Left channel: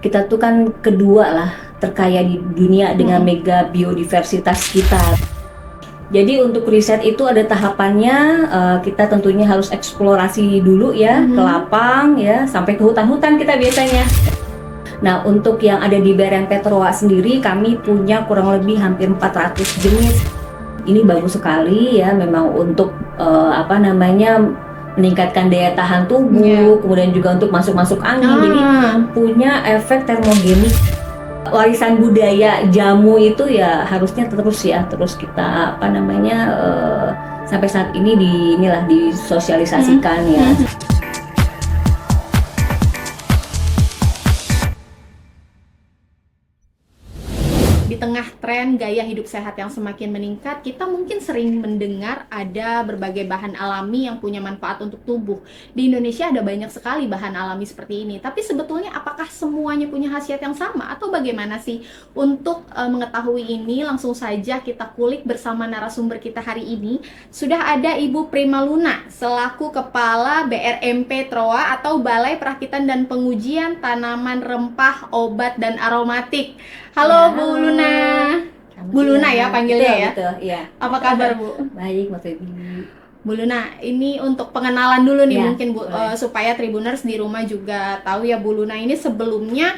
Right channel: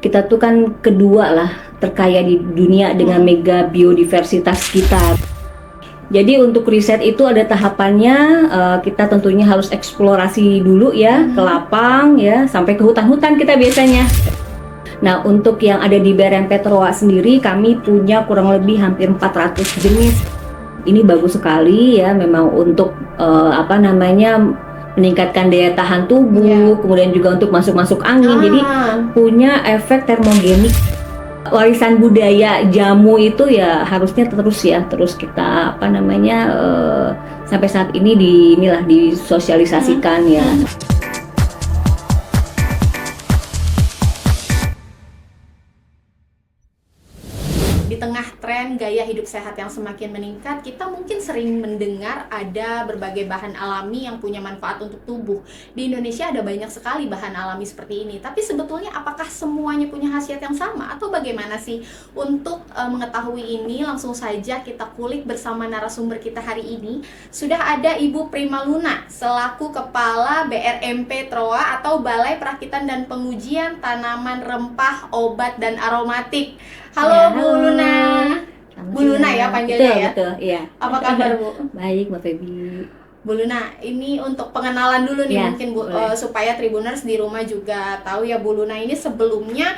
Kita tuh kan kedua lah terkaya di dunia dengan mega biodiversitas kita. Jadi untuk riset itu ada tahapannya, kita tentunya harus eksplorasi dulu ya, ke lapang ya, sampai ke hutan-hutan kita biasanya. Nah untuk yang ada di Berempet-Roa sendiri, kami punya kurang lebih hampir 400 jenis. Ini bagus sekali ya, memang untuk meningkatkan daya tahan tubuh, kemudian juga untuk masuk angin. Jadi punya efek termogenik. Warisan budaya jamu itu ya harusnya terus kita sampai saat ini disosialisasikan ya. Di tengah tren gaya hidup sehat yang semakin meningkat, kita mungkin sering mendengar ada berbagai bahan alami yang punya manfaat untuk tubuh. Di Indonesia ada banyak sekali bahan alami seperti ini. Tapi sebetulnya apakah semuanya punya khasiat yang sama atau bagaimana sih? Untuk mengetahui ini, langsung saja kita kulik bersama narasumber kita hari ini. Sudah ada Ibu Prima Luna selaku Kepala Berempet-Roa atau Balai Perakitan dan Pengujian Tanaman Rempah, Obat dan Aromatik. Halo Bu Luna. Bu Luna ya panggilnya ya? Betul, iya. Apa kabar Bu? Baik, Mbak Febi. Bu Luna, ini untuk pengenalan dulu nih mungkin Bu, boleh. supaya Tribuners di rumah juga tahu ya, Bu Luna ini sebelumnya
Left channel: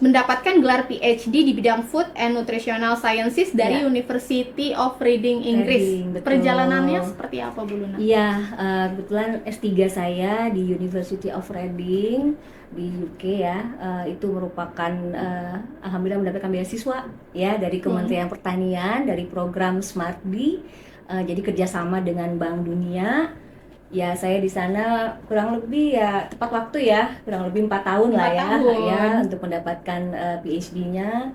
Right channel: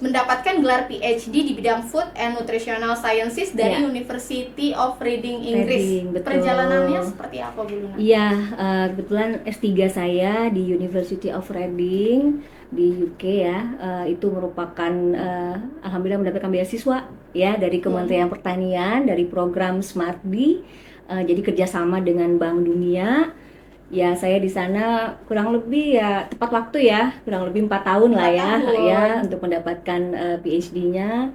mendapatkan gelar PhD di bidang Food and Nutritional Sciences dari University of Reading, Inggris. Perjalanannya seperti apa Bu Luna? Iya, kebetulan S3 saya di University of Reading di UK ya, itu merupakan alhamdulillah mendapatkan beasiswa ya dari Kementerian Pertanian, dari program SMART-D, jadi kerjasama dengan Bank Dunia. Ya saya di sana kurang lebih ya tepat waktu ya, kurang lebih 4 tahun lah ya untuk mendapatkan PhD-nya.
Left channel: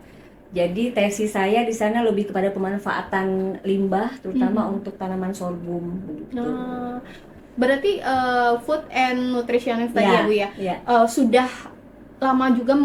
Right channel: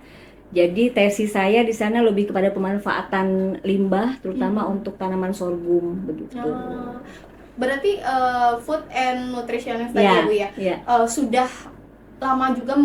Jadi tesis saya di sana lebih kepada pemanfaatan limbah terutama untuk tanaman sorghum begitu. Berarti food and nutrition tadi ya Bu ya? Sudah lama juga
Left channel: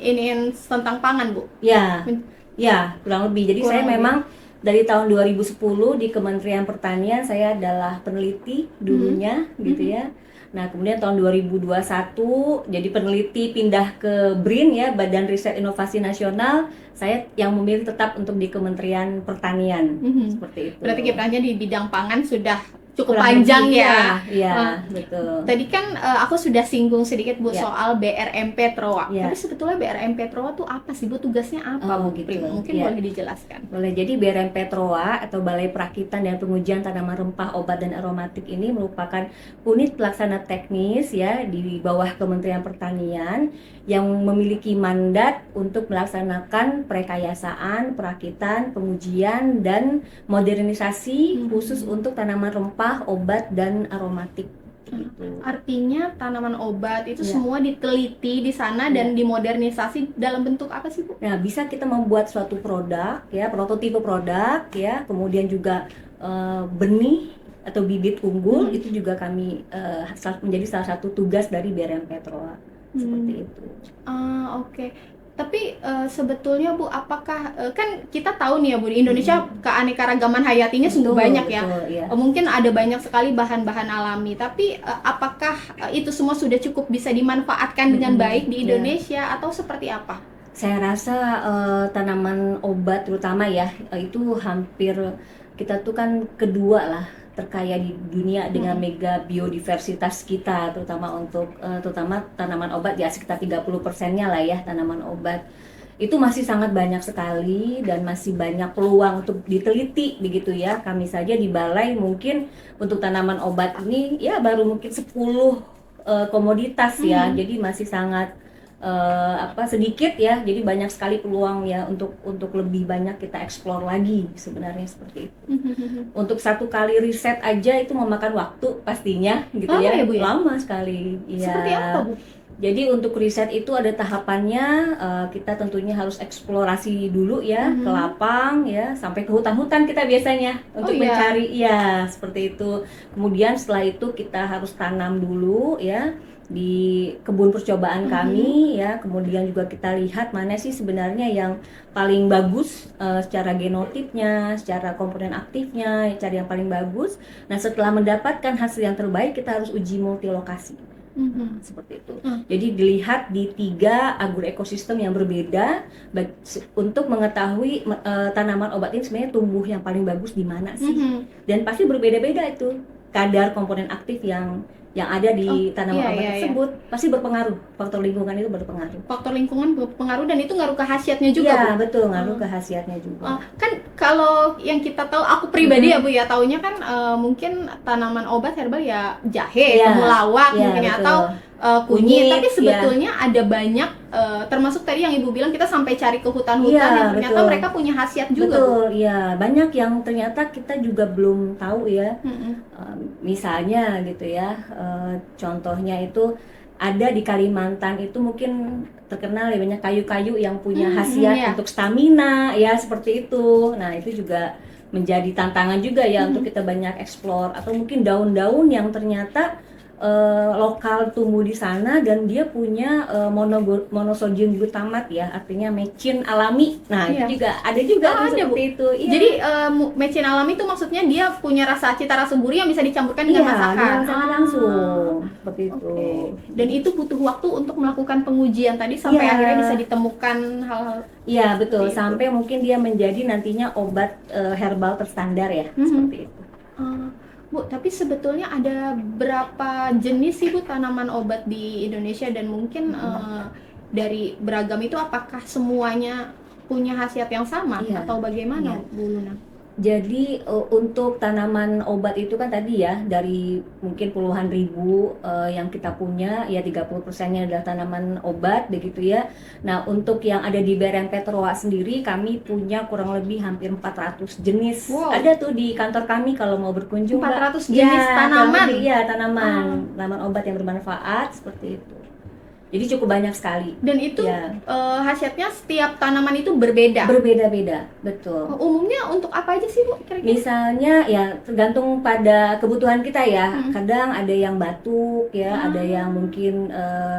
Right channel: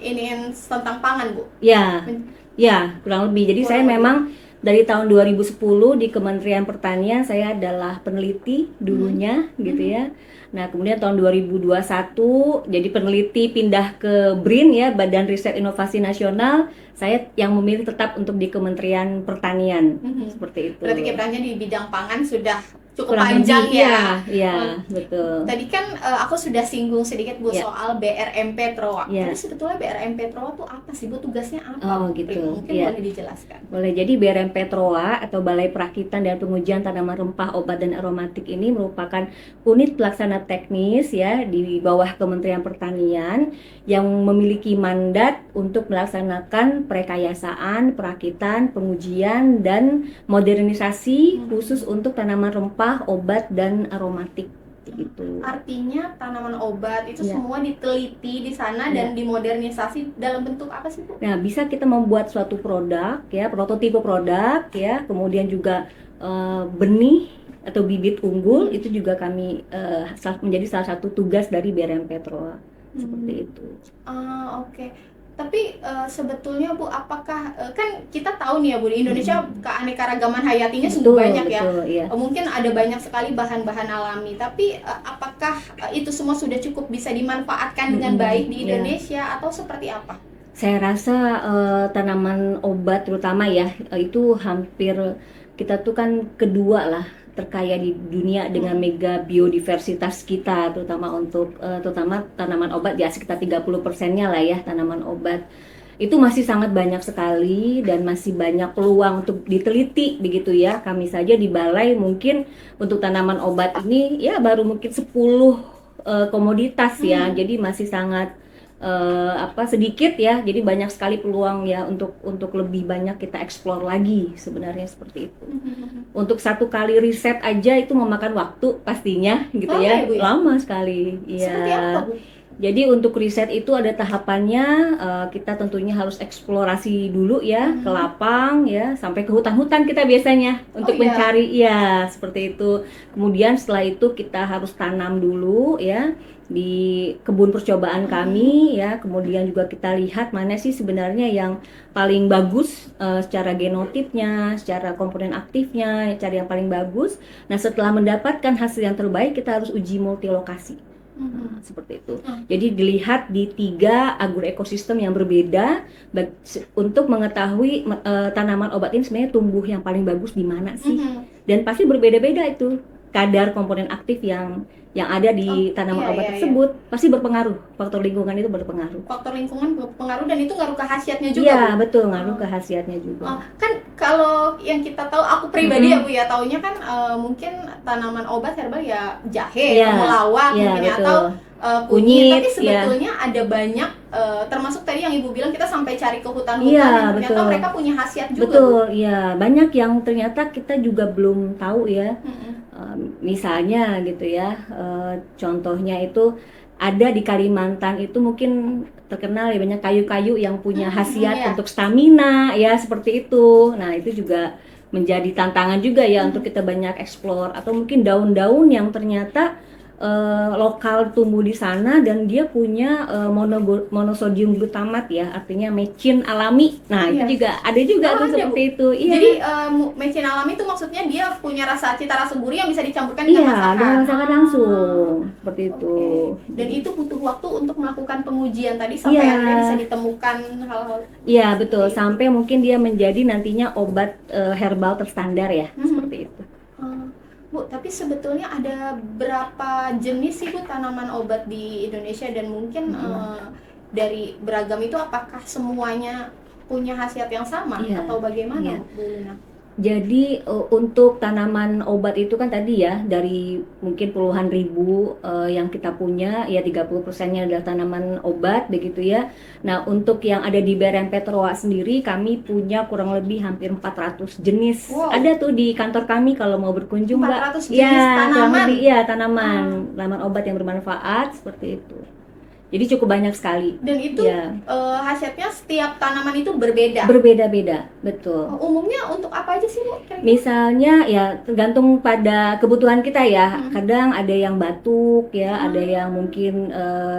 ini tentang pangan Bu? Ya, kurang lebih. Jadi saya memang dari tahun 2010 di Kementerian Pertanian saya adalah peneliti dulunya gitu ya. Nah kemudian tahun 2021 jadi peneliti pindah ke BRIN ya, Badan Riset Inovasi Nasional. Saya yang memilih tetap untuk di Kementerian Pertanian seperti itu. Berarti kiprahnya di bidang pangan sudah cukup panjang ya. Iya, betul. Tadi kan aku sudah singgung sedikit Bu soal Berempet-Roa. Tapi sebetulnya Berempet-Roa itu apa sih Bu? Tugasnya apa? Oh, gitu. Mungkin boleh dijelaskan. Boleh. Jadi Berempet-Roa atau Balai Perakitan dan Pengujian Tanaman Rempah, Obat dan Aromatik ini merupakan unit pelaksana teknis ya di bawah Kementerian Pertanian yang memiliki mandat untuk melaksanakan perekayasaan, perakitan, pengujian dan modernisasi khusus untuk tanaman rempah, obat dan aromatik gitu. Artinya tanaman obat itu semua diteliti di sana dan dimodernisasi dalam bentuk apa sih Bu? Nah, bisa kita membuat suatu produk ya, prototipe produk ya, kemudian juga benih atau bibit unggul itu juga kami menjadi salah satu tugas dari Berempet-Roa. Seperti itu. Oke. Tapi sebetulnya Bu, apakah kan kita tahu nih ya Bu, di Indonesia keanekaragaman hayatinya sungguh banyak ya. Mungkin ada banyak sekali bahan-bahan alami, tapi apakah itu semua sudah cukup bisa dimanfaatkan dengan baik di Indonesia atau seperti apa? Saya rasa tanaman obat terutama ya, itu hampir kita tuh kan kedua lah terkaya di dunia dengan mega biodiversitas kita, terutama tanaman obat ya, sekitar 30%-nya lah ya tanaman obat. Itu masih sangat banyak sekali dan masih banyak peluang untuk diteliti begitu ya. Kami saja di balai mungkin untuk tanaman obat ini ya baru mungkin 10 komoditas ya. Jadi masih sangat sedikit ya, jadi banyak sekali peluang ya untuk lebih banyak kita eksplor lagi sebenarnya seperti itu. Untuk satu kali riset aja itu memakan waktu pastinya gitu ya, lama sekali. Seperti apa Bu? Jadi untuk riset itu ada tahapannya, kita tentunya harus eksplorasi dulu ya ke lapang ya, sampai ke hutan-hutan kita biasanya untuk mencari ya seperti itu. Kemudian setelah itu kita harus tanam dulu ya di kebun percobaan kami ya, kemudian juga kita lihat mana sih sebenarnya yang paling bagus secara genotipnya, secara komponen aktifnya, cari yang paling bagus. Nah setelah mendapatkan hasil yang terbaik kita harus uji multilokasi. Seperti itu. Jadi dilihat di 3 agroekosistem yang berbeda untuk mengetahui tanaman obat ini sebenarnya tumbuh yang paling bagus di mana sih. Dan pasti berbeda-beda itu kadar komponen aktif yang ada di tanaman obat tersebut. Pasti berpengaruh, faktor lingkungan itu berpengaruh. Faktor lingkungan berpengaruh dan itu ngaruh ke khasiatnya juga. Iya, betul, ngaruh ke khasiatnya juga. Kan kalau yang kita tahu, aku pribadi ya Bu ya, taunya kan mungkin tanaman obat herbal ya jahe, temulawak mungkin ya, atau kunyit, tapi sebetulnya ada banyak, termasuk tadi yang Ibu bilang kita sampai cari ke hutan-hutan yang ternyata mereka punya khasiat juga. Betul, iya, banyak yang ternyata kita juga belum tahu ya. Misalnya gitu ya, contohnya itu ada di Kalimantan itu mungkin terkenal ya banyak kayu-kayu yang punya khasiat untuk stamina ya, seperti itu. Nah, itu juga menjadi tantangan juga ya untuk kita banyak explore, atau mungkin daun-daun yang ternyata lokal tumbuh di sana dan dia punya monosodium glutamat ya, artinya mecin alami. Nah, itu juga ada seperti itu. Jadi mecin alami itu maksudnya dia punya cita rasa gurih yang bisa dicampurkan dengan masakan. Dengan masakan langsung, seperti itu. Dan itu butuh waktu untuk melakukan pengujian tadi sampai akhirnya bisa ditemukan hal-hal. Iya, betul. Sampai mungkin dia menjadi nantinya obat herbal terstandar ya, seperti itu. Bu, tapi sebetulnya ada berapa jenis sih Bu tanaman obat di Indonesia, dan mungkin dari beragam itu apakah semuanya punya khasiat yang sama atau bagaimana Bu Luna? Jadi untuk tanaman obat itu kan tadi ya dari mungkin puluhan ribu yang kita punya ya, 30%-nya adalah tanaman obat begitu ya. Nah, untuk yang ada di Berempet-Roa sendiri kami punya kurang lebih hampir 400 jenis. Ada tuh di kantor kami kalau mau berkunjung. 400 jenis tanaman? Iya, tanaman obat yang bermanfaat seperti itu. Jadi cukup banyak sekali. Dan itu khasiatnya setiap tanaman itu berbeda? Berbeda-beda, betul. Umumnya untuk apa aja sih Bu? Misalnya ya tergantung pada kebutuhan kita ya. Kadang ada yang batuk ya, ada yang mungkin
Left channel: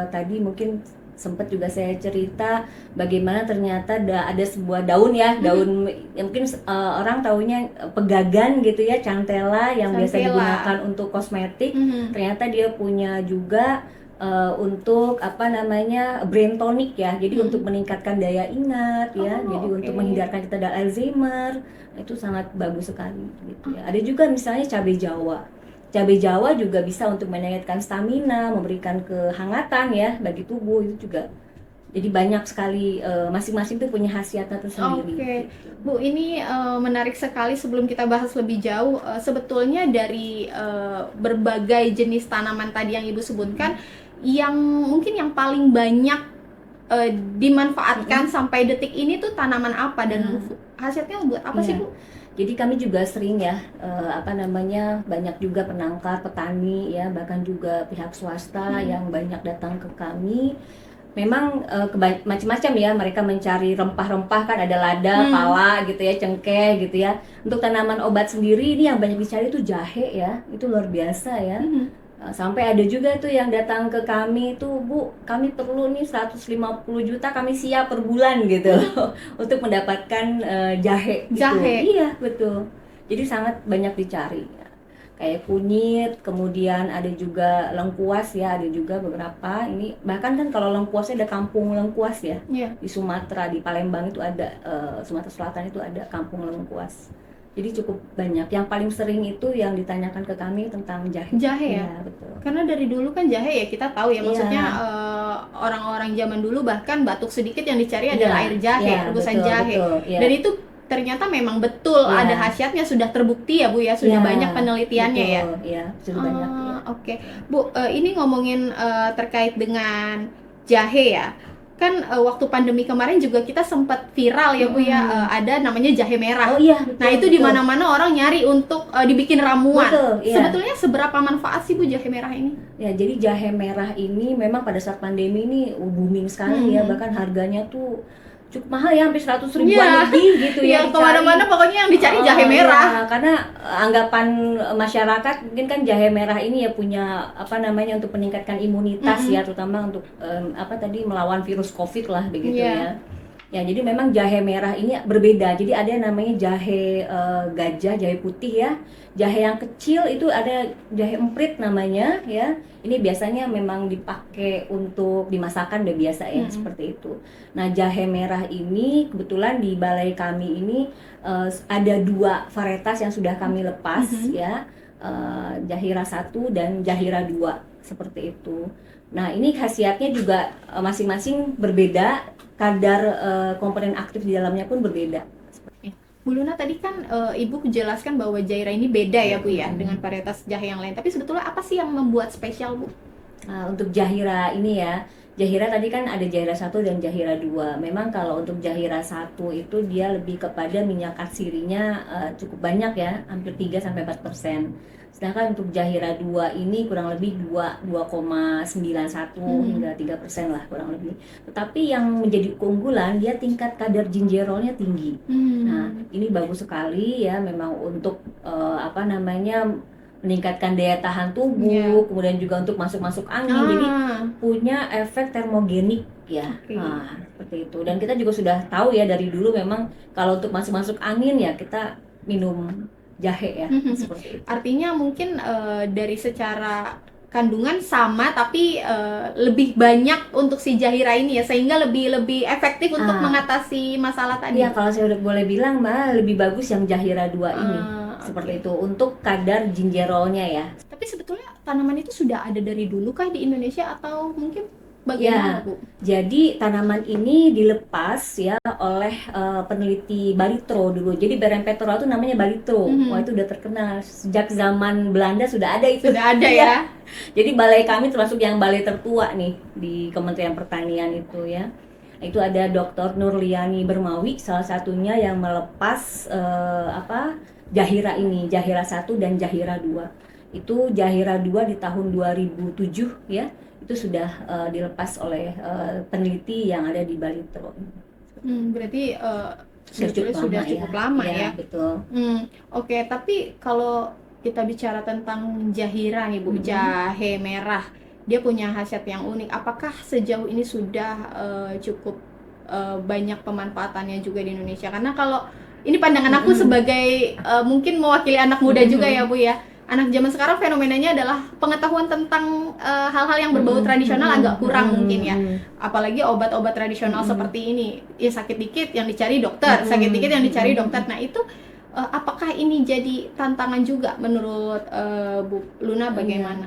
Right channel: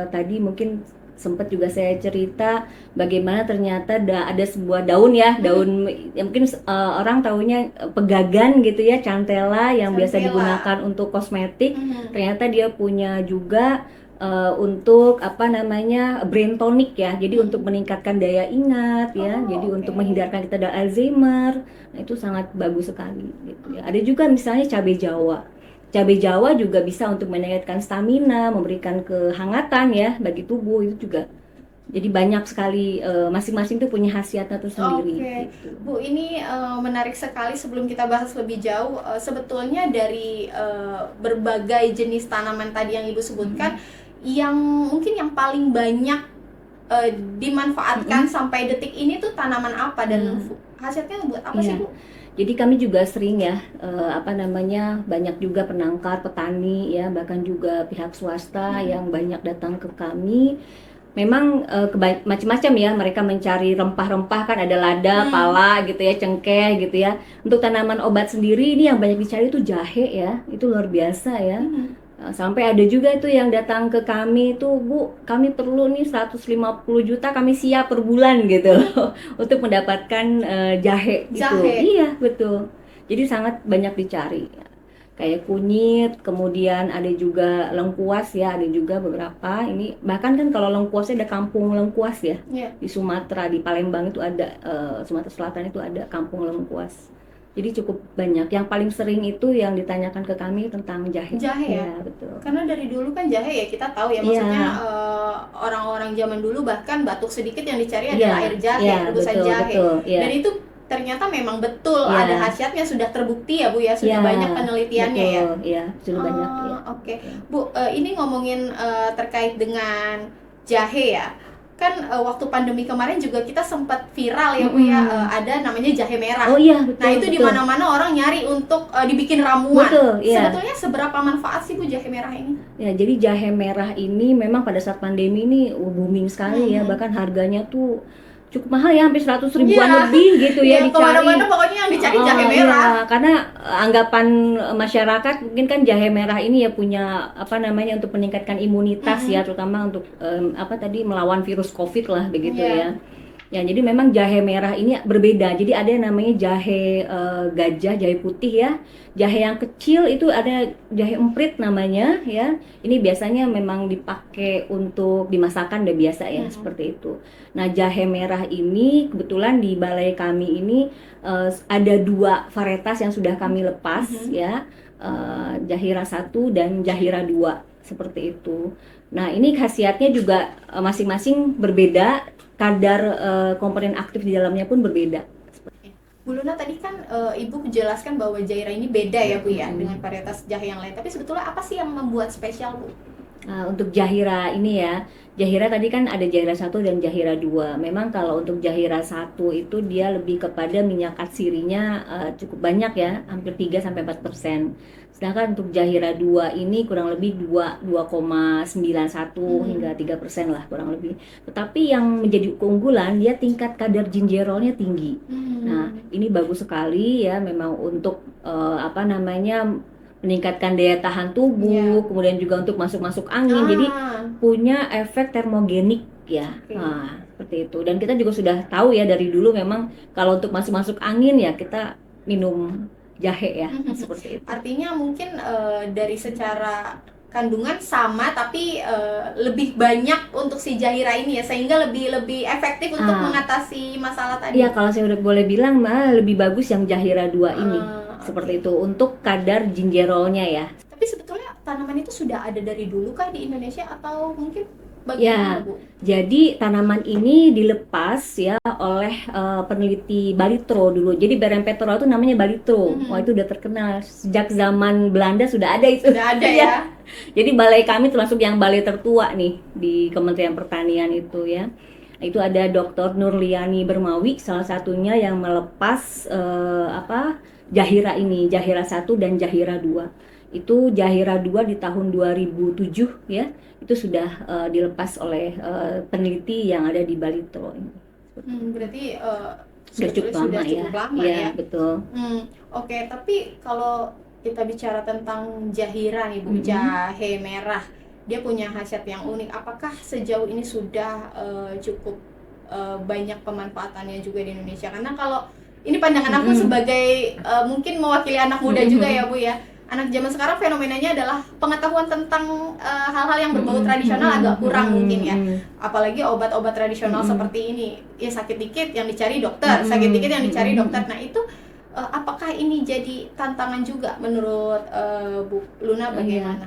tadi mungkin sempat juga saya cerita bagaimana ternyata ada sebuah daun ya, daun yang mungkin orang taunya pegagan gitu ya, cantella yang biasa digunakan untuk kosmetik. Ternyata dia punya juga untuk brain tonic ya, jadi untuk meningkatkan daya ingat ya, jadi untuk menghindarkan kita dari Alzheimer. Nah, itu sangat bagus sekali gitu ya. Ada juga misalnya cabai Jawa juga bisa untuk meningkatkan stamina, memberikan kehangatan ya bagi tubuh, itu juga. Jadi banyak sekali, masing-masing itu punya khasiatnya tersendiri. Gitu. Bu, ini menarik sekali. Sebelum kita bahas lebih jauh, sebetulnya dari berbagai jenis tanaman tadi yang Ibu sebutkan, yang mungkin yang paling banyak dimanfaatkan sampai detik ini tuh tanaman apa, dan khasiatnya buat apa sih Bu? Jadi kami juga sering ya, banyak juga penangkar, petani ya, bahkan juga pihak swasta yang banyak datang ke kami. Memang macam-macam ya, mereka mencari rempah-rempah, kan ada lada, pala gitu ya, cengkeh gitu ya. Untuk tanaman obat sendiri ini yang banyak dicari itu jahe ya, itu luar biasa ya. Sampai ada juga tuh yang datang ke kami tuh, Bu, kami perlu nih 150 juta, kami siap per bulan gitu untuk mendapatkan jahe gitu. Iya, betul. Jadi sangat banyak dicari. Kayak kunyit, kemudian ada juga lengkuas ya, ada juga beberapa. Ini bahkan kan kalau lengkuasnya ada kampung lengkuas ya. Di Sumatera, di Palembang itu ada, Sumatera Selatan itu ada kampung lengkuas. Jadi cukup banyak. Yang paling sering itu yang ditanyakan ke kami tentang jahe. Jahe ya? Betul. Karena dari dulu kan jahe ya kita tahu ya, maksudnya orang-orang zaman dulu bahkan batuk sedikit yang dicari adalah air jahe, rebusan jahe. Dan itu ternyata memang betul ada khasiatnya, sudah terbukti ya Bu ya, sudah banyak penelitiannya ya. Iya, sudah banyak. Oke. Bu, ini ngomongin terkait dengan jahe ya. Kan waktu pandemi kemarin juga kita sempat viral ya Bu ya, ada namanya jahe merah. Betul, nah itu di mana-mana orang nyari untuk dibikin ramuan. Iya. Sebetulnya seberapa manfaat sih Bu jahe merah ini? Ya, jadi jahe merah ini memang pada saat pandemi ini booming sekali ya, bahkan harganya tuh cukup mahal ya, hampir 100 ribuan lebih gitu ya, dicari. Kemana-mana pokoknya yang dicari jahe merah. Karena anggapan masyarakat mungkin kan jahe merah ini ya punya untuk meningkatkan imunitas ya, terutama untuk melawan virus COVID lah begitu ya. Ya, jadi memang jahe merah ini berbeda. Jadi ada yang namanya jahe gajah, jahe putih ya. Jahe yang kecil itu ada jahe emprit namanya ya. Ini biasanya memang dipakai untuk dimasakkan udah biasa ya, seperti itu. Nah, jahe merah ini kebetulan di balai kami ini ada 2 varietas yang sudah kami lepas ya. Jahira 1 dan Jahira 2 seperti itu. Nah, ini khasiatnya juga masing-masing berbeda. Kadar komponen aktif di dalamnya pun berbeda. Bu Luna tadi kan Ibu menjelaskan bahwa Jaira ini beda ya Bu ya dengan varietas jahe yang lain. Tapi sebetulnya apa sih yang membuat spesial Bu? Untuk Jahira ini ya, Jahira tadi kan ada Jahira 1 dan Jahira 2. Memang kalau untuk Jahira 1 itu dia lebih kepada minyak atsirinya cukup banyak ya, hampir 3-4%. Sedangkan untuk Jahira 2 ini kurang lebih 2,91 hingga 3% lah kurang lebih. Tetapi yang menjadi keunggulan dia tingkat kadar gingerolnya tinggi. Nah, ini bagus sekali ya memang untuk meningkatkan daya tahan tubuh, kemudian juga untuk masuk angin. Jadi punya efek termogenik ya. Nah, seperti itu. Dan kita juga sudah tahu ya dari dulu memang kalau untuk masuk angin ya kita minum jahe ya, seperti itu. Artinya mungkin dari secara kandungan sama tapi lebih banyak untuk si Jahira ini ya, sehingga lebih efektif untuk mengatasi masalah tadi. Iya, kalau saya udah boleh bilang lebih bagus yang Jahira 2 ini. Seperti itu untuk kadar gingerolnya ya. Tapi sebetulnya tanaman itu sudah ada dari dulu kah di Indonesia atau mungkin bagaimana, Bu? Jadi tanaman ini dilepas ya oleh peneliti Balitro dulu. Jadi Berenpetrola itu namanya Balitro. Wah, itu udah terkenal sejak zaman Belanda sudah ada itu. Sudah ada ya. Jadi balai kami termasuk yang balai tertua nih di Kementerian Pertanian itu ya. Itu ada Dr. Nurliani Bermawi salah satunya yang melepas Jahira ini, Jahira 1 dan Jahira 2. Itu Jahira 2 di tahun 2007 ya. Itu sudah dilepas oleh peneliti yang ada di Balitro. Berarti sudah cukup lama ya. Betul. Oke, tapi kalau kita bicara tentang Jahira nih Bu, jahe merah, dia punya khasiat yang unik. Apakah sejauh ini sudah cukup banyak pemanfaatannya juga di Indonesia? Karena kalau ini pandangan aku sebagai mungkin mewakili anak muda juga ya Bu ya. Anak zaman sekarang fenomenanya adalah pengetahuan tentang hal-hal yang berbau tradisional agak kurang mungkin ya. Apalagi obat-obat tradisional seperti ini, ya sakit dikit yang dicari dokter, sakit dikit yang dicari dokter. Nah itu apakah ini jadi tantangan juga menurut Bu Luna, bagaimana?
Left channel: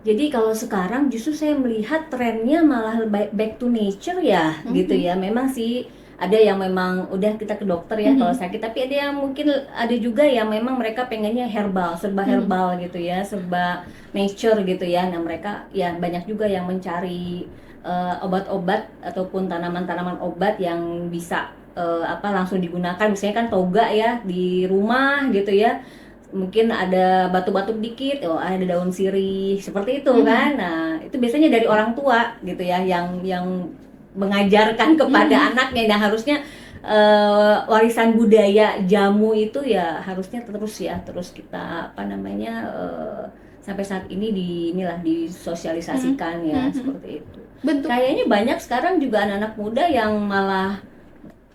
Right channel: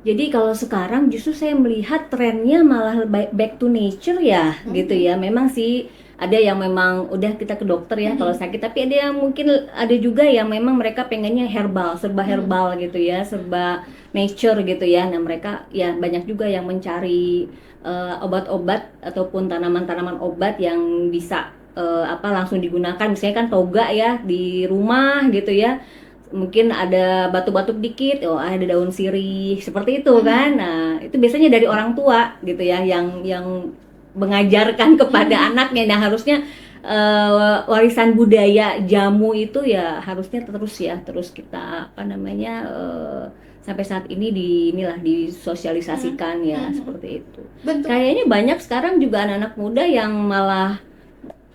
Jadi kalau sekarang justru saya melihat trennya malah back to nature ya, gitu ya. Memang sih ada yang memang udah kita ke dokter ya kalau sakit, tapi ada yang mungkin ada juga yang memang mereka pengennya herbal, serba herbal gitu ya, serba nature gitu ya. Nah mereka ya banyak juga yang mencari obat-obat ataupun tanaman-tanaman obat yang bisa langsung digunakan. Misalnya kan toga ya di rumah gitu ya, mungkin ada batuk-batuk dikit, ada daun sirih seperti itu kan. Nah itu biasanya dari orang tua gitu ya yang mengajarkan kepada anaknya. Nah harusnya warisan budaya jamu itu ya harusnya terus kita sampai saat ini disosialisasikan ya, seperti itu. Kayaknya banyak sekarang juga anak-anak muda yang malah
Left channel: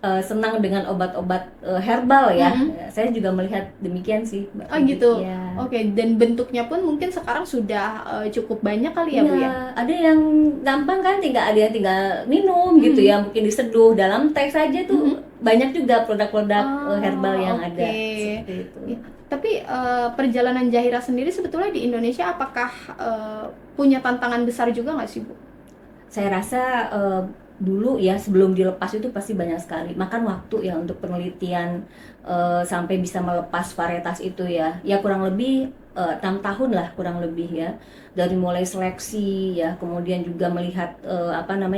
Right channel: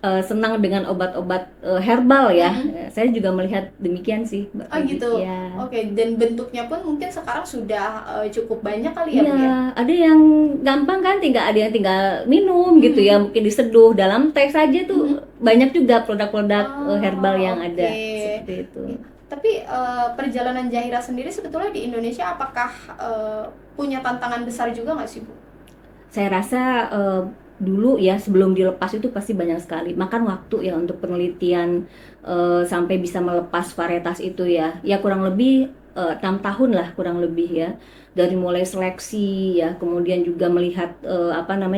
senang dengan obat-obat herbal ya. Saya juga melihat demikian sih. Oh gitu. Ya. Oke, dan bentuknya pun mungkin sekarang sudah cukup banyak kali ya Bu ya. Ada yang gampang kan, ada yang tinggal minum gitu ya, mungkin diseduh dalam teh saja tuh. Banyak juga produk-produk herbal yang ada seperti itu. Tapi perjalanan Jahira sendiri sebetulnya di Indonesia apakah punya tantangan besar juga nggak sih Bu? Saya rasa dulu ya sebelum dilepas itu pasti banyak sekali makan waktu ya untuk penelitian sampai bisa melepas varietas itu ya kurang lebih 6 tahun lah kurang lebih ya, dari mulai seleksi ya, kemudian juga melihat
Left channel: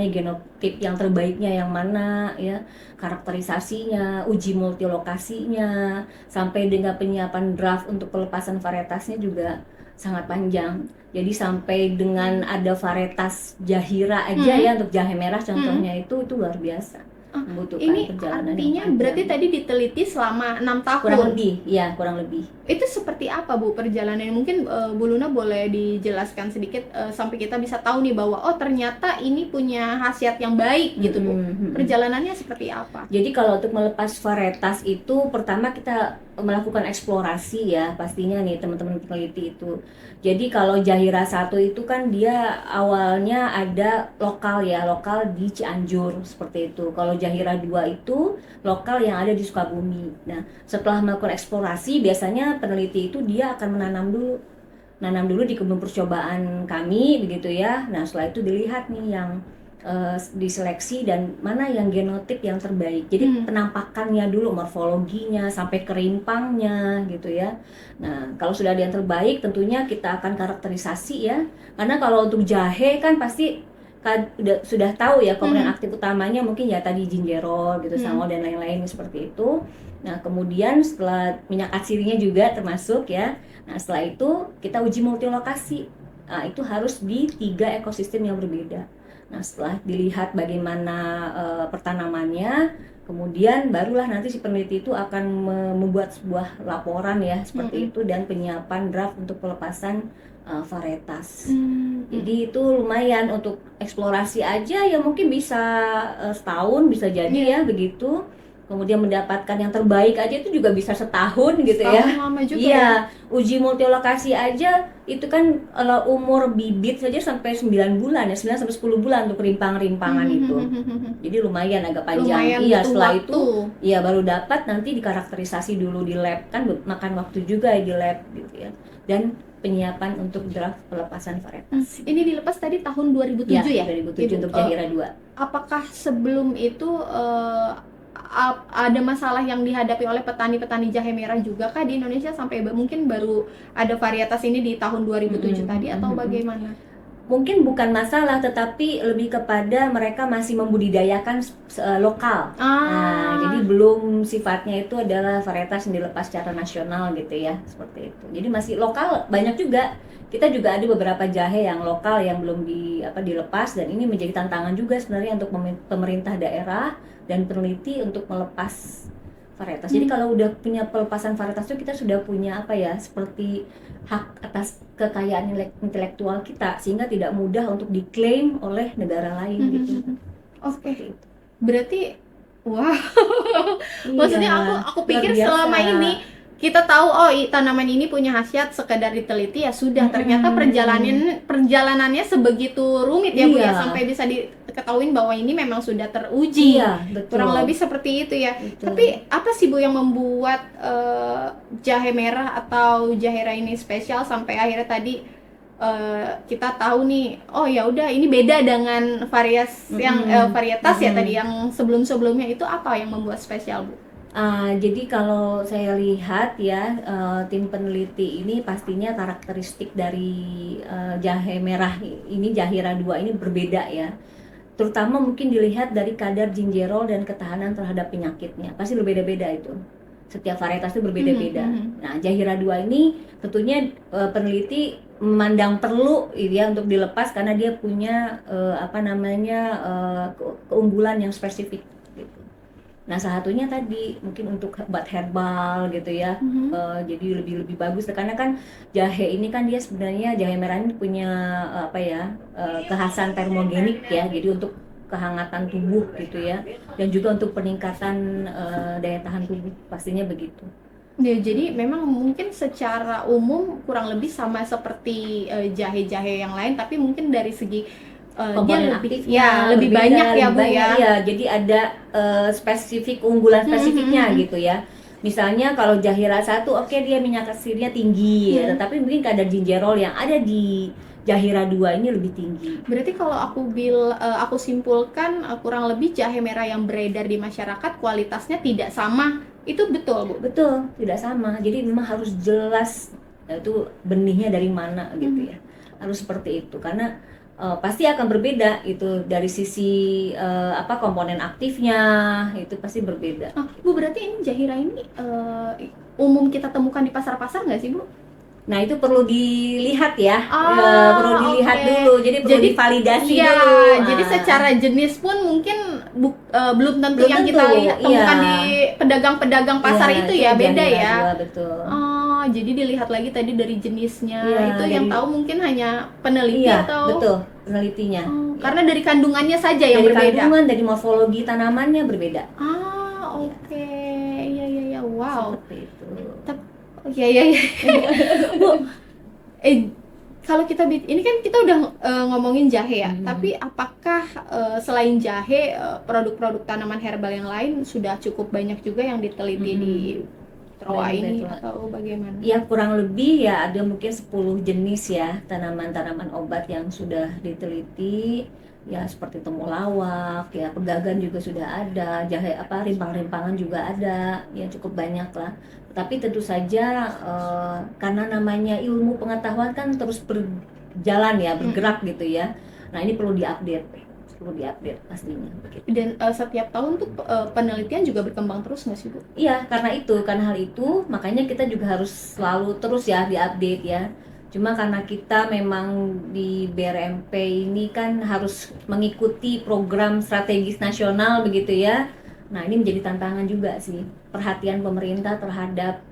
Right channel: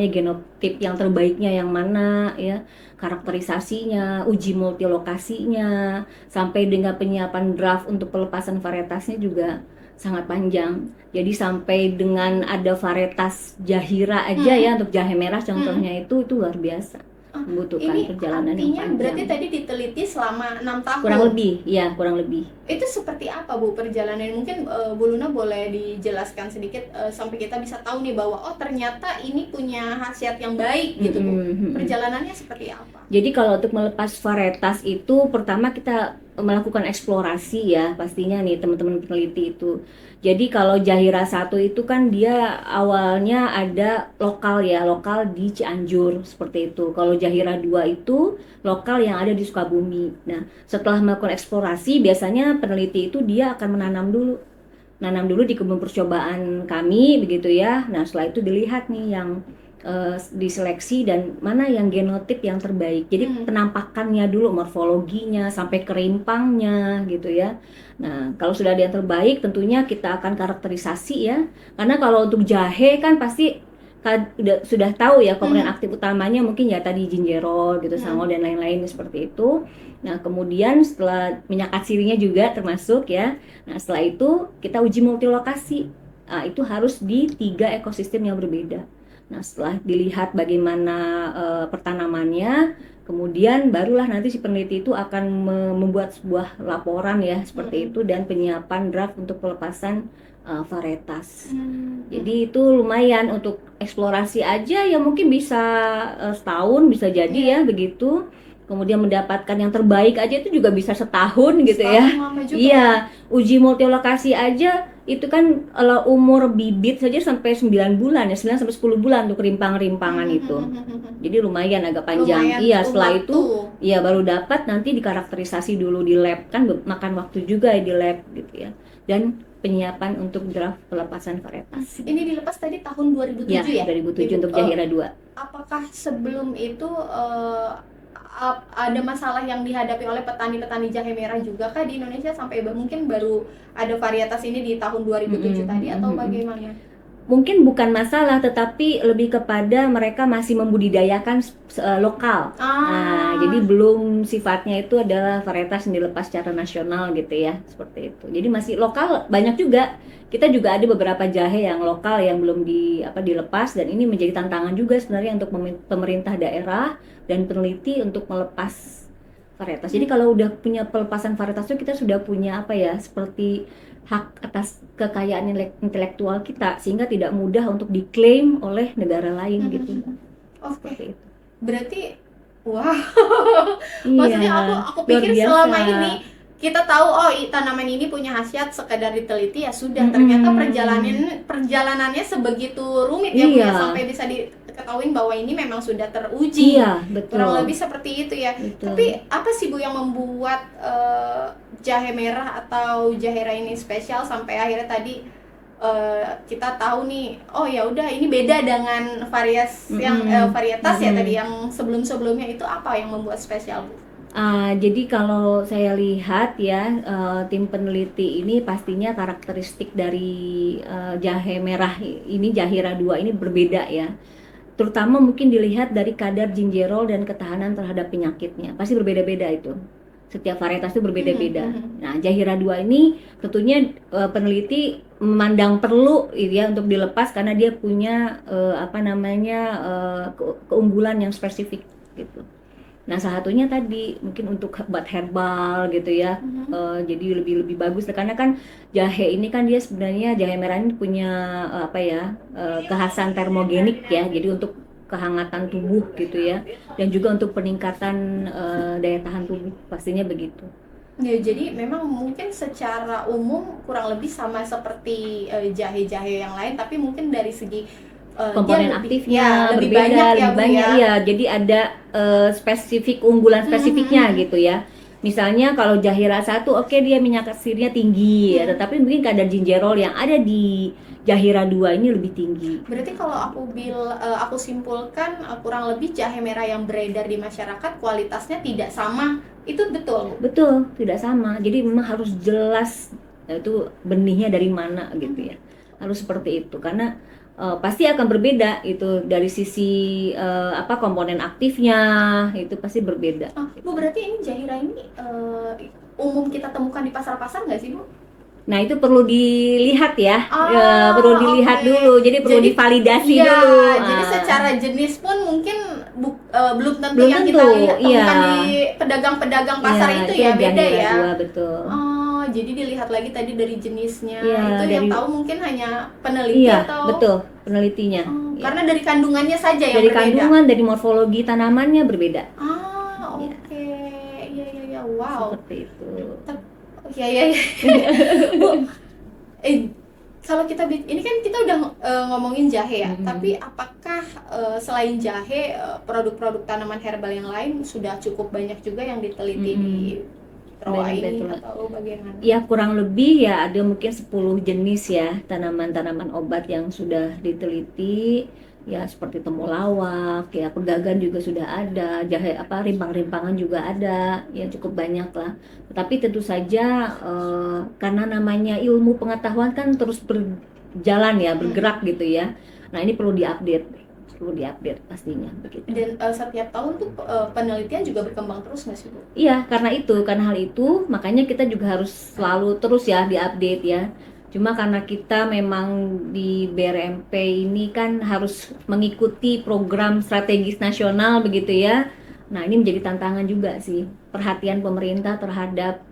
genotip yang terbaiknya yang mana ya, karakterisasinya, uji multilokasinya, sampai dengan penyiapan draft untuk pelepasan varietasnya juga sangat panjang. Jadi sampai dengan ada varietas Jahira aja ya untuk jahe merah contohnya itu luar biasa. membutuhkan Ini perjalanan yang artinya panjang. berarti tadi diteliti selama 6 tahun. Kurang lebih, ya kurang lebih. Itu seperti apa Bu perjalanan? Mungkin Bu Luna boleh dijelaskan sedikit sampai kita bisa tahu nih bahwa oh ternyata ini punya khasiat yang baik gitu Bu. Perjalanannya seperti apa? Jadi kalau untuk melepas varietas itu pertama kita melakukan eksplorasi ya pastinya nih teman-teman peneliti itu. Jadi kalau Jahira 1 itu kan dia awalnya ada lokal ya, lokal di Cianjur seperti itu. Kalau Jahira 2 itu lokal yang ada di Sukabumi. Nah, setelah melakukan eksplorasi biasanya peneliti itu dia akan nanam dulu di kebun percobaan kami begitu ya. Nah, setelah itu dilihat nih yang diseleksi dan mana yang genotip yang terbaik. Jadi penampakannya dulu, morfologinya sampai kerimpangnya gitu ya. Nah, kalau sudah ada yang terbaik tentunya kita akan karakterisasi ya. Karena kalau untuk jahe kan pasti sudah tahu ya komponen aktif utamanya mungkin ya tadi gingerol gitu, sama dan lain-lain seperti itu. Nah, kemudian setelah minyak atsirinya juga termasuk ya. Nah, setelah itu kita uji multilokasi. Nah, itu harus di 3 ekosistem yang berbeda. Nah, setelah dilihat bagaimana pertanamannya, kemudian barulah nanti si peneliti itu akan membuat sebuah laporan ya seperti itu dan penyiapan draft untuk pelepasan varietas. Jadi itu lumayan untuk eksplorasi aja ya mungkin bisa setahun bisa jadi ya begitu. Kemudian mendapatkan yang terbaik aja itu juga bisa setahun gitu ya. Iya, uji multilokasi aja itu kan umur bibit saja sampai 9 bulan ya, 9 sampai 10 bulan untuk rimpang-rimpangan itu. Jadi lumayan agak panjang. Iya, setelah itu ya baru dapat nanti dikarakterisasi dulu di lab kan makan waktu juga ya di lab gitu ya. Dan penyiapan untuk draft pelepasan varietas. Ini dilepas tadi tahun 2007 ya? 2007 untuk Jahira 2. Apakah sebelum itu ada masalah yang dihadapi oleh petani-petani jahe merah juga kah di Indonesia sampai mungkin baru ada varietas ini di tahun 2007 tadi atau bagaimana? Mungkin bukan masalah tetapi lebih kepada mereka masih membudidayakan lokal. Nah, jadi belum sifatnya itu adalah varietas yang dilepas secara nasional gitu ya, seperti itu. Jadi masih lokal banyak juga. Kita juga ada beberapa jahe yang lokal yang belum dilepas dan ini menjadi tantangan juga sebenarnya untuk pemerintah daerah dan peneliti untuk melepas varietas. Jadi kalau udah punya pelepasan varietas itu kita sudah punya seperti hak atas kekayaan intelektual kita sehingga tidak mudah untuk diklaim oleh negara lain gitu. Oke. Berarti wah. Maksudnya aku pikir selama ini kita tahu tanaman ini punya khasiat sekedar diteliti ya sudah, ternyata perjalanannya sebegitu rumit ya Bu ya sampai bisa diketahui bahwa ini memang sudah teruji. Iya, betul. Kurang lebih seperti itu ya. Betul. Tapi apa sih Bu yang membuat jahe merah atau Jahira ini spesial sampai akhirnya tadi kita tahu nih oh ya udah ini beda dengan varietas ya tadi yang sebelumnya itu apa yang membuat spesial Bu? Jadi kalau saya lihat ya tim peneliti ini pastinya karakteristik dari jahe merah ini Jahira 2 ini berbeda ya. Terutama mungkin dilihat dari kadar gingerol dan ketahanan terhadap penyakitnya. Pasti berbeda-beda itu. Setiap varietas itu berbeda-beda. Nah, Jahira 2 ini tentunya peneliti memandang perlu ya untuk dilepas karena dia punya keunggulan yang spesifik gitu. Nah, salah satunya tadi mungkin untuk buat herbal gitu ya. Jadi lebih bagus karena kan jahe ini kan dia sebenarnya jahe merah ini punya kekhasan termogenik ya. Jadi untuk kehangatan tubuh gitu ya. Dan juga untuk peningkatan daya tahan tubuh pastinya begitu. Ya, jadi memang mungkin secara umum kurang lebih sama seperti jahe-jahe yang lain tapi mungkin dari segi komponen aktifnya lebih banyak ya Bu ya. Jadi ada spesifik unggulan spesifiknya gitu ya. Misalnya kalau Jahira 1 dia minyak atsirnya tinggi ya, tetapi mungkin kadar gingerol yang ada di Jahira 2 ini lebih tinggi. Berarti kalau aku simpulkan kurang lebih jahe merah yang beredar di masyarakat kualitasnya tidak sama. Itu betul Bu? Betul, tidak sama. Jadi memang harus jelas itu benihnya dari mana gitu ya. Harus seperti itu karena pasti akan berbeda itu dari sisi komponen aktifnya itu pasti berbeda. Bu berarti ini Jahira ini umum kita temukan di pasar-pasar nggak sih Bu? Nah, itu perlu dilihat ya, perlu Oh, dilihat oke. dulu, jadi perlu Jadi, divalidasi ya, dulu. jadi Nah, secara jenis pun mungkin belum tentu belum yang tentu, kita lihat iya, temukan di pedagang-pedagang iya, pasar itu itu ya, jangan beda ya. diragu, betul. Oh, jadi dilihat lagi tadi dari jenisnya. Iya, Itu yang dari, tahu mungkin hanya peneliti iya, atau betul, penelitinya. Ya. karena dari kandungannya saja yang Dari berbeda. kandungan, dari morfologi tanamannya berbeda. Ya, Oke. Iya, iya, iya. Wow. seperti itu. Iya, iya, iya. Bu, kalau kita ini kan kita udah ngomongin jahe ya, tapi apakah selain jahe produk-produk tanaman herbal yang lain sudah cukup banyak juga yang diteliti di Troa ini atau bagaimana? Ya, kurang lebih ya ada mungkin 10 jenis ya tanaman-tanaman obat yang sudah diteliti, ya seperti temulawak, ya pegagan juga sudah ada, jahe apa rimpang-rimpangan juga ada, ya cukup banyak lah. Tapi tentu saja karena namanya ilmu pengetahuan kan terus berjalan ya, bergerak gitu ya. Nah, ini perlu diupdate pastinya begitu. Dan setiap tahun tuh penelitian juga berkembang terus nggak sih, Bu? Iya, karena hal itu makanya kita juga harus selalu terus ya diupdate ya. Cuma karena kita memang di BRMP ini kan harus mengikuti program strategis nasional begitu ya. Nah, ini menjadi tantangan juga sih. Perhatian pemerintah terhadap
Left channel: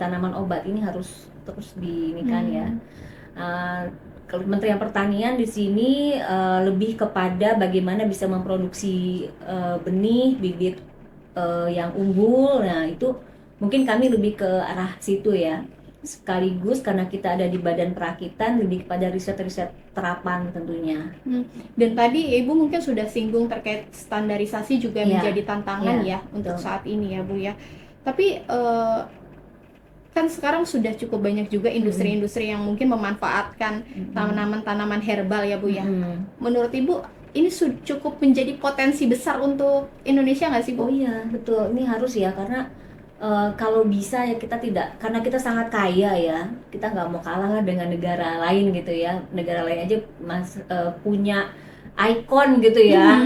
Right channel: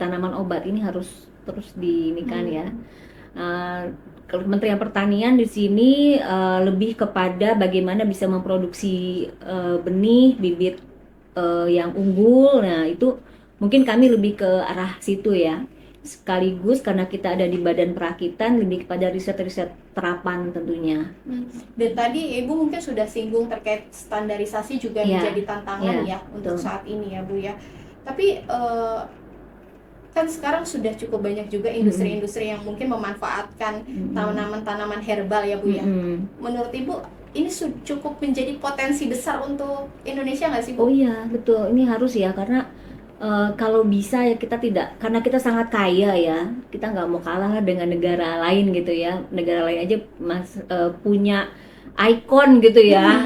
tanaman obat ini harus terus diinikan ya. Kementerian Pertanian di sini lebih kepada bagaimana bisa memproduksi benih, bibit yang unggul. Nah, itu mungkin kami lebih ke arah situ ya. Sekaligus karena kita ada di Badan Perakitan, lebih kepada riset-riset terapan tentunya. Dan tadi Ibu mungkin sudah singgung terkait standarisasi juga menjadi tantangan ya untuk saat ini ya, Bu ya. Tapi kan sekarang sudah cukup banyak juga industri-industri yang mungkin memanfaatkan tanaman-tanaman herbal ya, Bu ya. Menurut Ibu ini cukup menjadi potensi besar untuk Indonesia nggak sih, Bu? Oh iya, betul. Ini harus ya, karena kalau bisa ya kita tidak, karena kita sangat kaya ya, kita nggak mau kalah dengan negara lain gitu ya. Negara lain aja punya ikon gitu ya.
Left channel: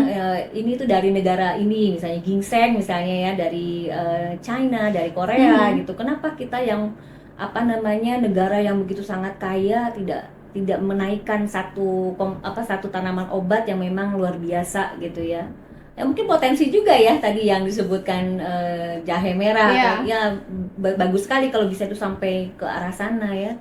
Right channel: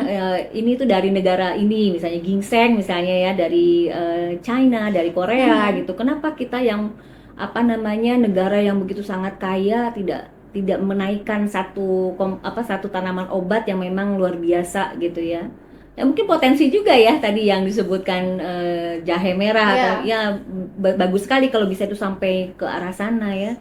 Ini tuh dari negara ini, misalnya ginseng misalnya ya, dari China, dari Korea gitu. Kenapa kita yang negara yang begitu sangat kaya tidak menaikkan satu tanaman obat yang memang luar biasa gitu ya. Ya mungkin potensi juga ya tadi yang disebutkan jahe merah ya, bagus sekali kalau bisa itu sampai ke arah sana ya.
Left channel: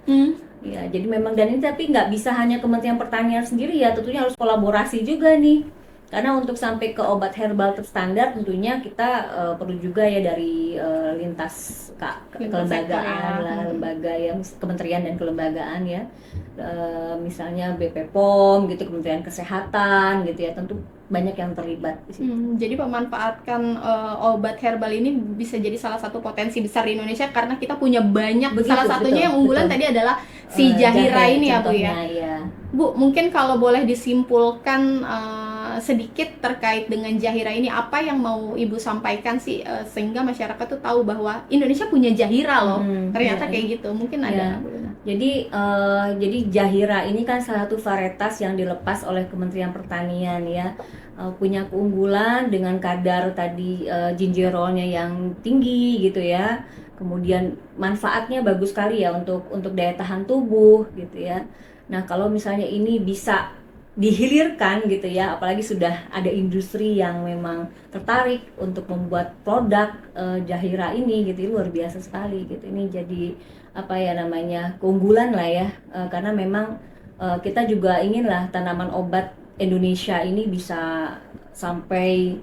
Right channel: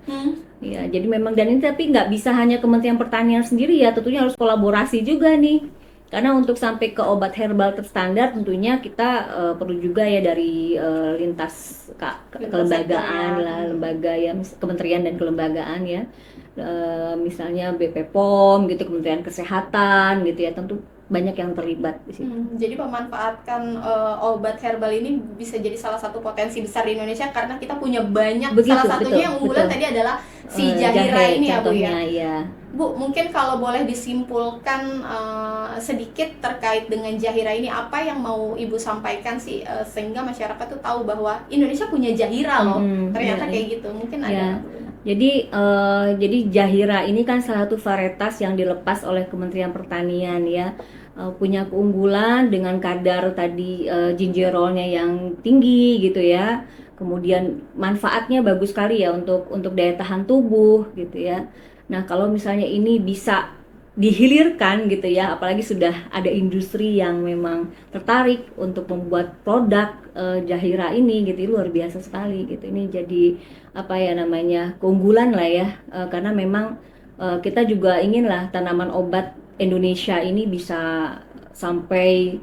Ya, jadi memang, dan ini tapi nggak bisa hanya Kementerian Pertanian sendiri ya, tentunya harus kolaborasi juga nih. Karena untuk sampai ke obat herbal terstandar tentunya kita perlu juga ya dari lintas kelembagaan lah, lembaga yang kementerian dan kelembagaan ya. Misalnya BP POM gitu, Kementerian Kesehatan gitu ya, tentu banyak yang terlibat di situ. Jadi memanfaatkan obat herbal ini bisa jadi salah satu potensi besar di Indonesia karena kita punya banyak. Begitu, salah satunya yang unggulan tadi adalah si jahira ini ya, Bu ya. Bu, mungkin kalau boleh disimpulkan sedikit terkait dengan jahira ini, apa yang mau Ibu sampaikan sih sehingga masyarakat tuh tahu bahwa Indonesia punya jahira loh. Ternyata kayak gitu. Mungkin ada. Jadi jahira ini kan salah satu varietas yang dilepas oleh Kementerian Pertanian ya. Punya keunggulan dengan kadar tadi gingerolnya yang tinggi gitu ya. Kemudian manfaatnya bagus sekali ya untuk daya tahan tubuh gitu ya. Nah, kalau misalnya ini bisa dihilirkan gitu ya, apalagi sudah ada industri yang memang tertarik untuk membuat produk jahira ini gitu, luar biasa sekali gitu. Ini jadi keunggulan lah ya, karena memang kita juga inginlah tanaman obat Indonesia ini bisa sampai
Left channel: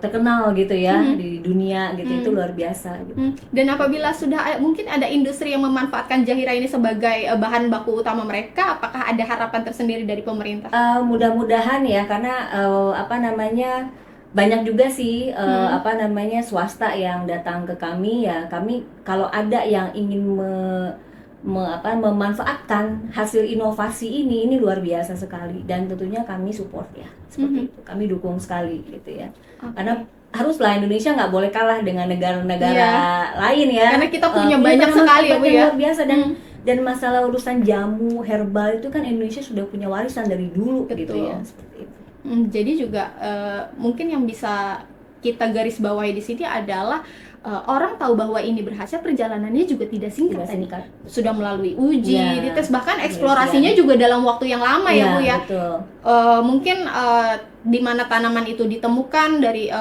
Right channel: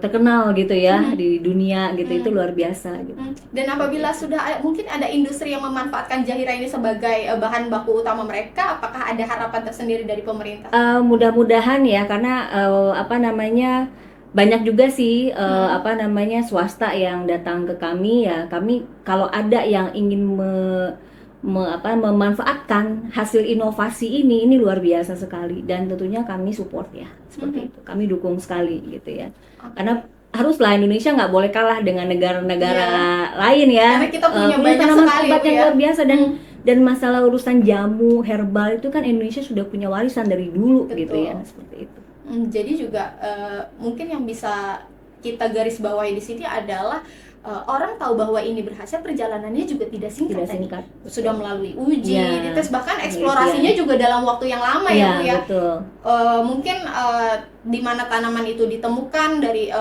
terkenal gitu ya di dunia gitu. Itu luar biasa gitu. Dan apabila sudah mungkin ada industri yang memanfaatkan jahira ini sebagai bahan baku utama mereka, apakah ada harapan tersendiri dari pemerintah? Mudah-mudahan ya, karena banyak juga sih swasta yang datang ke kami ya. Kami kalau ada yang ingin memanfaatkan hasil inovasi ini luar biasa sekali, dan tentunya kami support ya seperti itu, kami dukung sekali gitu ya. Karena haruslah Indonesia nggak boleh kalah dengan negara-negara lain ya, karena kita punya banyak sekali ya, luar biasa. Dan masalah urusan jamu herbal itu kan Indonesia sudah punya warisan dari dulu. Betul. Gitu ya, seperti itu. Jadi juga mungkin yang bisa kita garis bawahi di sini adalah orang tahu bahwa ini berhasil, perjalanannya juga tidak singkat Tidak tadi. singkat. Sudah melalui uji, Ya. dites, bahkan eksplorasinya juga dalam waktu yang lama ya Bu ya. Betul. Mungkin di mana tanaman itu ditemukan, dari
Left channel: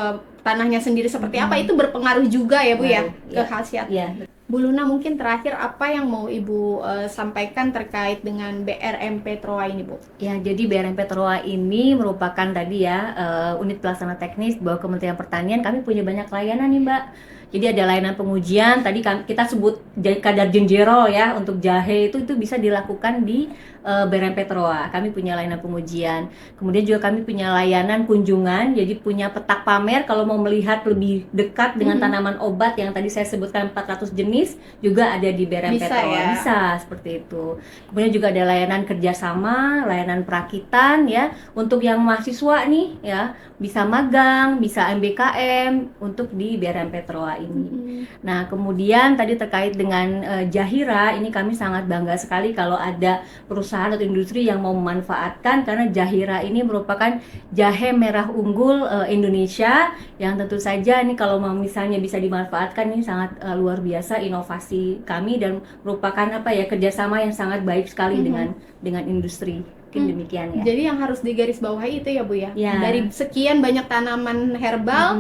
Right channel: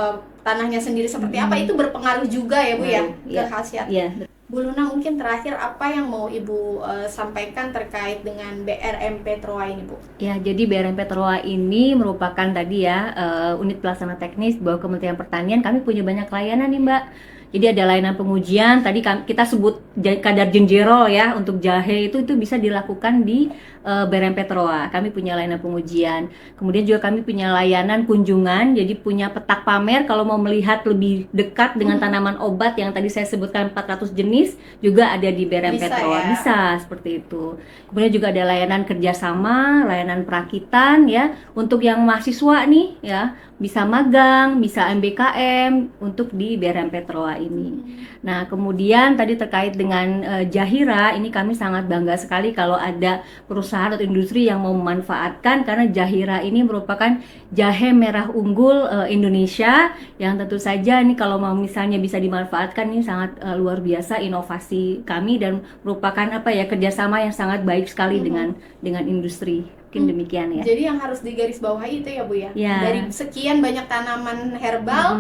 tanahnya sendiri seperti apa, itu berpengaruh juga ya Bu ya ke Ya. khasiat. Ya. Bu Luna, mungkin terakhir apa yang mau Ibu sampaikan terkait dengan BRMP Troa ini Bu? Ya, jadi BRMP Troa ini merupakan tadi ya unit pelaksana teknis bawah Kementerian Pertanian. Kami punya banyak layanan nih Mbak. Jadi ada layanan pengujian, tadi kita sebut kadar jenjero ya, untuk jahe itu bisa dilakukan di BRMP Troa. Kami punya layanan pengujian. Kemudian juga kami punya layanan kunjungan, jadi punya petak pamer kalau mau melihat lebih dekat dengan tanaman obat yang tadi saya sebutkan 400 jenis, juga ada di BRMP Bisa Troa. ya? Bisa, seperti itu. Kemudian juga ada layanan kerjasama, layanan perakitan ya, untuk yang mahasiswa nih ya, bisa magang, bisa MBKM untuk di BRMP Troa ini. Nah, kemudian tadi terkait dengan Jahira, ini kami sangat bangga sekali kalau ada perusahaan atau industri yang mau memanfaatkan, karena Jahira ini merupakan jahe merah unggul Indonesia yang tentu saja ini kalau mau misalnya bisa dimanfaatkan, ini sangat luar biasa inovasi kami dan merupakan kerjasama yang sangat baik sekali dengan industri. Mungkin demikian ya. Jadi yang harus digarisbawahi itu ya Bu ya. Ya. Dari sekian banyak tanaman herbal,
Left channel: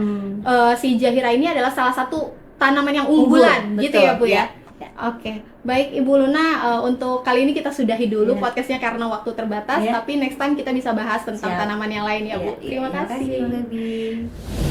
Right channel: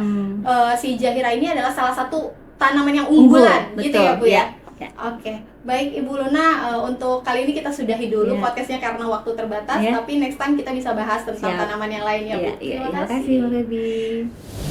si Jahira ini adalah salah satu tanaman yang unggulan, gitu ya Bu ya. Oke, baik Ibu Luna, untuk kali ini kita sudahi dulu podcastnya karena waktu terbatas, tapi next time kita bisa bahas tentang tanaman yang lain ya Bu. Terima kasih. Terima kasih, Bu Gaby.